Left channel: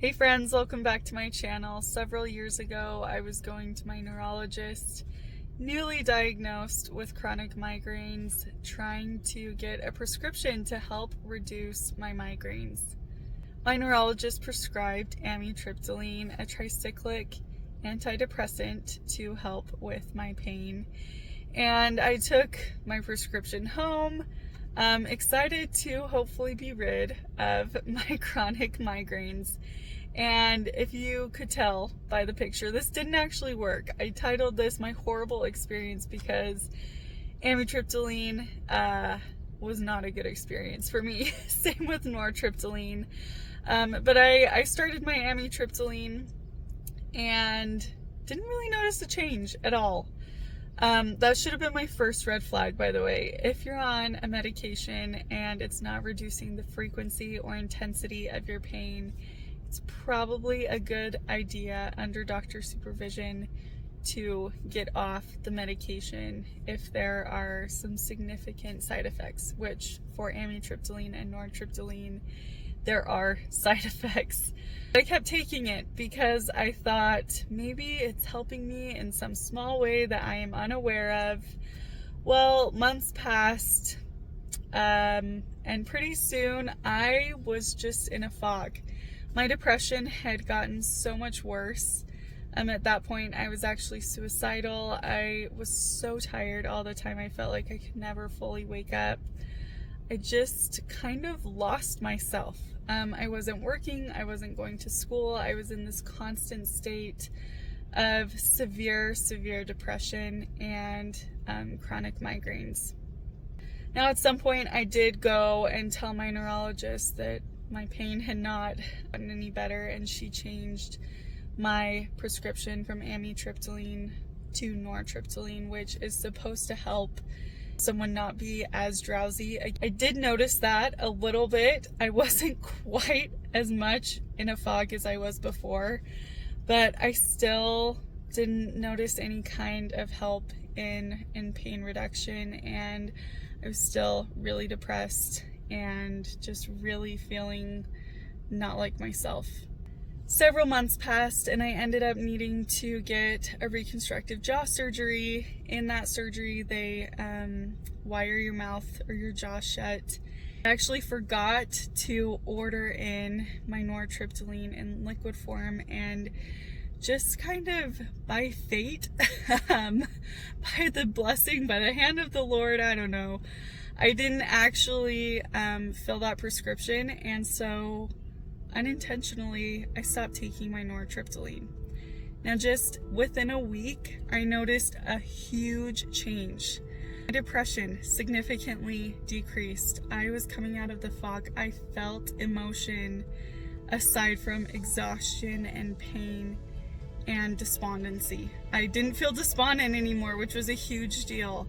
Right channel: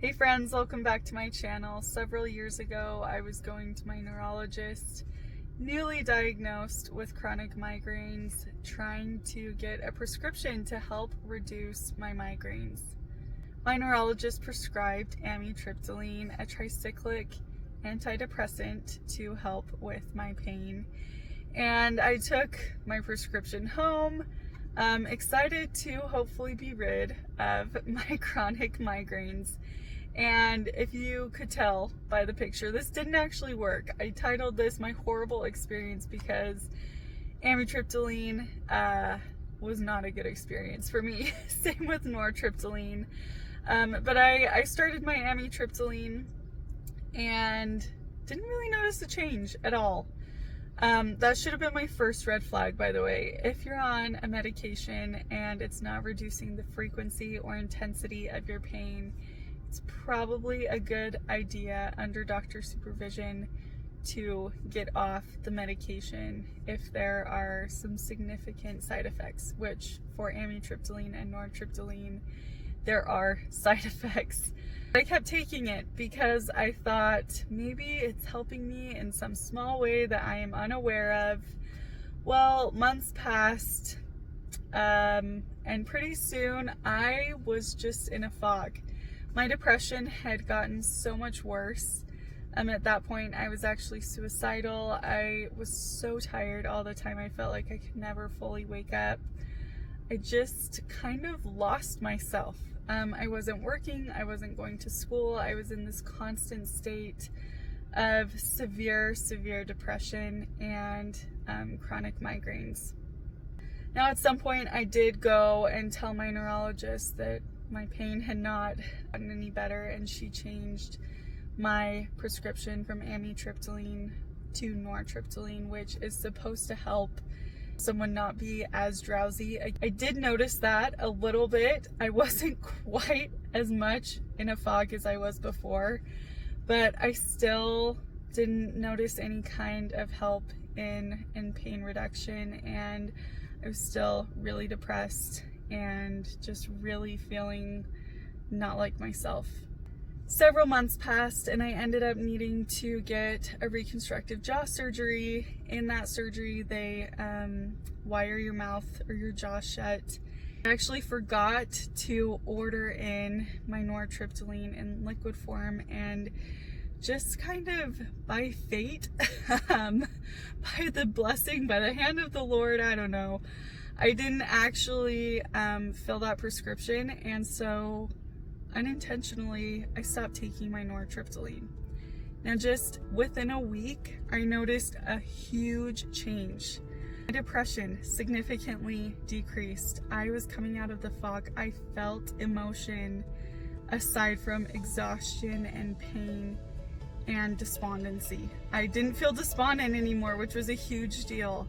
Hey friends, welcome back to my channel. Several years ago, I was going to my neurologist, newly diagnosed with chronic migraines, trying to get a prescription to help reduce my migraines. My neurologist prescribed amitriptyline, a tricyclic antidepressant, to help with my pain. And I took my prescription home, excited to hopefully be rid of my chronic migraines. And if you could tell by the picture, this didn't actually work. I titled this My Horrible Experience because amitriptyline was not a good experience for me. Same with nortriptyline. But I started my amitriptyline and didn't really notice a change at all. That should have been my first red flag, by the way. If you're on a medication and it's not reducing the frequency or intensity of your pain, it's probably a good idea under doctor supervision to get off the medication if there are some significant side effects, which for amitriptyline and nortriptyline, there are side effects. I kept taking it because I thought maybe it's helping me in some small way that I am unaware of. Well, months passed, and pretty soon I was just in a fog. My depression had gotten so much worse. At that point, I was actually suicidal. I was so tired all the time. I felt like I could never fully wake up. I just kind of lost myself. I wasn't working. I wasn't going to school. I was in this constant state of severe depression and chronic migraines. Now, at some point, I did go and tell my neurologist that my pain had not gotten any better, and she changed my prescription from amitriptyline to nortriptyline, which is supposed to help someone not be as drowsy. I did notice that a little bit. I wasn't quite as much in a fog as I was before, but I still didn't notice any kind of help in pain reduction, and I was still really depressed and just really feeling not like myself. Several months passed and I ended up needing to get a reconstructive jaw surgery. In that surgery, they wire your mouth or your jaw shut. I actually forgot to order in my nortriptyline in liquid form, and just kind of by fate, by the blessing, by the hand of the Lord, I don't know, I didn't actually fill that prescription, and so unintentionally I stopped taking my nortriptyline. Now, just within a week, I noticed a huge change. My depression significantly decreased. I was coming out of the fog. I felt emotion aside from exhaustion and pain and despondency. I didn't feel despondent anymore, which was a huge deal.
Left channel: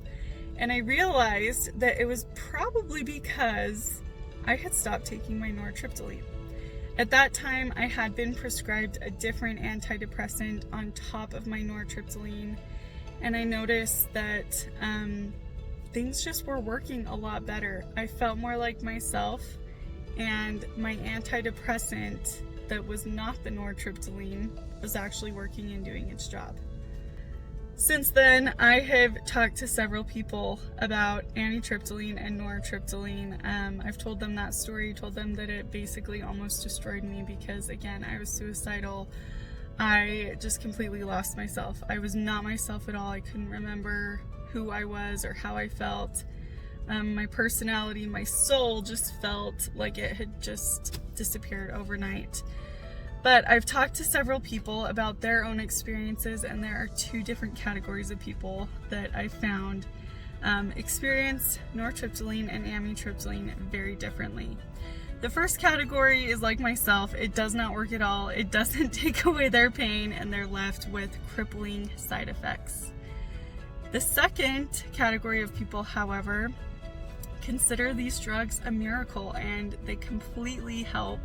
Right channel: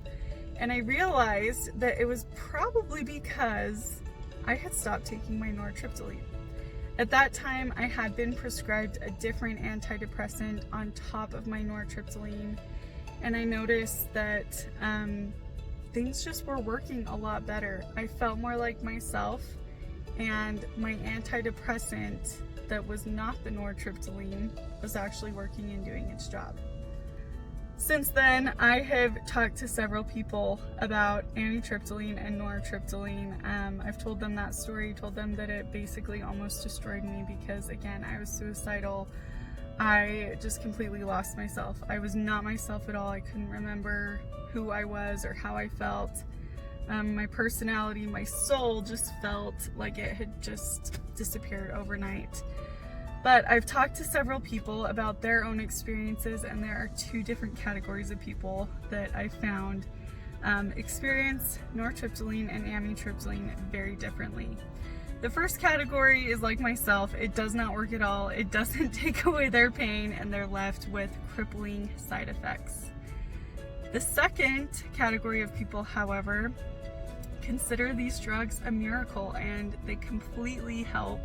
And I realized that it was probably because I had stopped taking my nortriptyline. At that time, I had been prescribed a different antidepressant on top of my nortriptyline, and I noticed that things just were working a lot better. I felt more like myself, and my antidepressant that was not the nortriptyline was actually working and doing its job. Since then, I have talked to several people about amitriptyline and nortriptyline. I've told them that story, told them that it basically almost destroyed me because, again, I was suicidal. I just completely lost myself. I was not myself at all. I couldn't remember who I was or how I felt. My personality, my soul just felt like it had just disappeared overnight. But I've talked to several people about their own experiences, and there are two different categories of people that I found experience nortriptyline and amitriptyline very differently. The first category is like myself. It does not work at all. It doesn't take away their pain, and they're left with crippling side effects. The second category of people, however, consider these drugs a miracle, and they completely help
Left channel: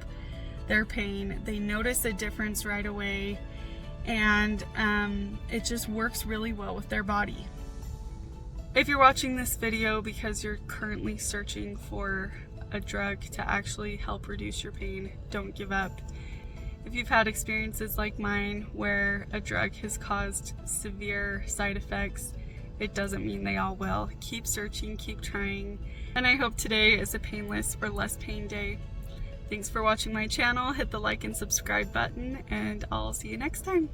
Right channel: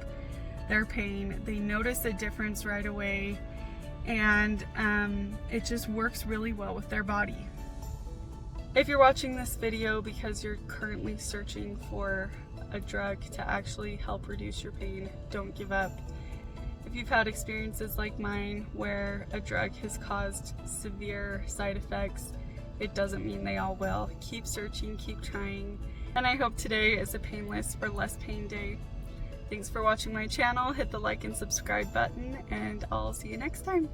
their pain. They notice a difference right away, and it just works really well with their body. If you're watching this video because you're currently searching for a drug to actually help reduce your pain, don't give up. If you've had experiences like mine where a drug has caused severe side effects, it doesn't mean they all will. Keep searching, keep trying, and I hope today is a painless or less pain day. Thanks for watching my channel. Hit the like and subscribe button, and I'll see you next time.